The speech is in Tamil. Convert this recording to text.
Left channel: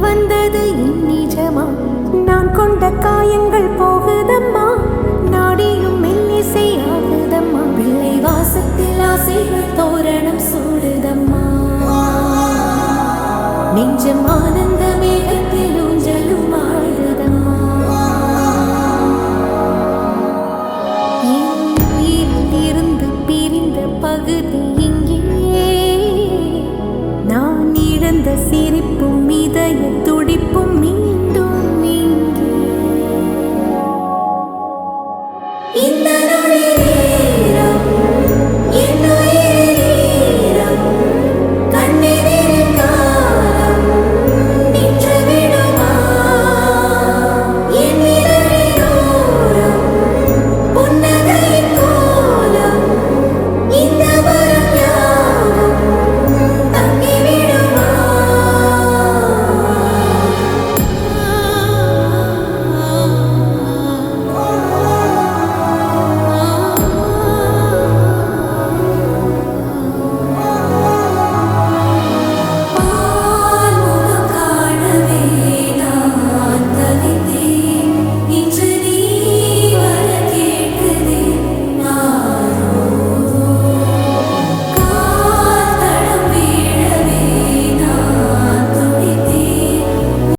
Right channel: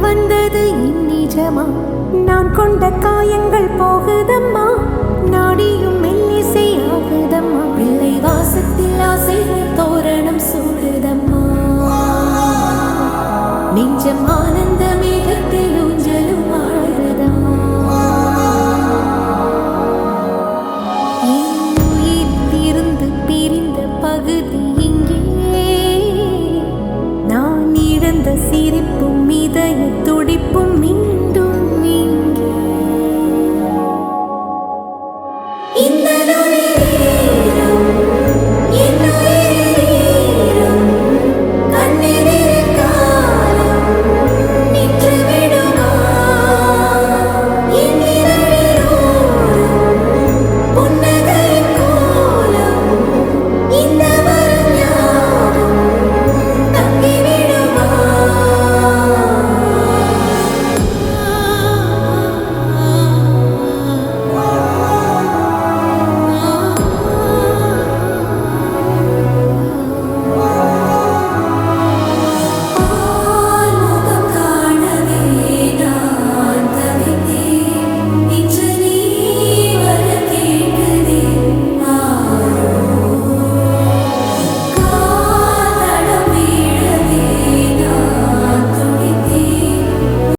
வந்தது என் நிஜமா? நான் கொண்ட காயங்கள் போகுதம்மா, நாடியும் மெல்லிசை ஆகுதம்மா. பிள்ளை வாசத்தில் ஆசைகள் தோரணம் சூடுதம்மா. நெஞ்சம் ஆனந்த மேகத்தில் ஊஞ்சலும் ஆடுதம்மா. என் உயிரிலிருந்து பிரிந்த பகுதி இங்கே, நான் இழந்த சிரிப்பும் இதய துடி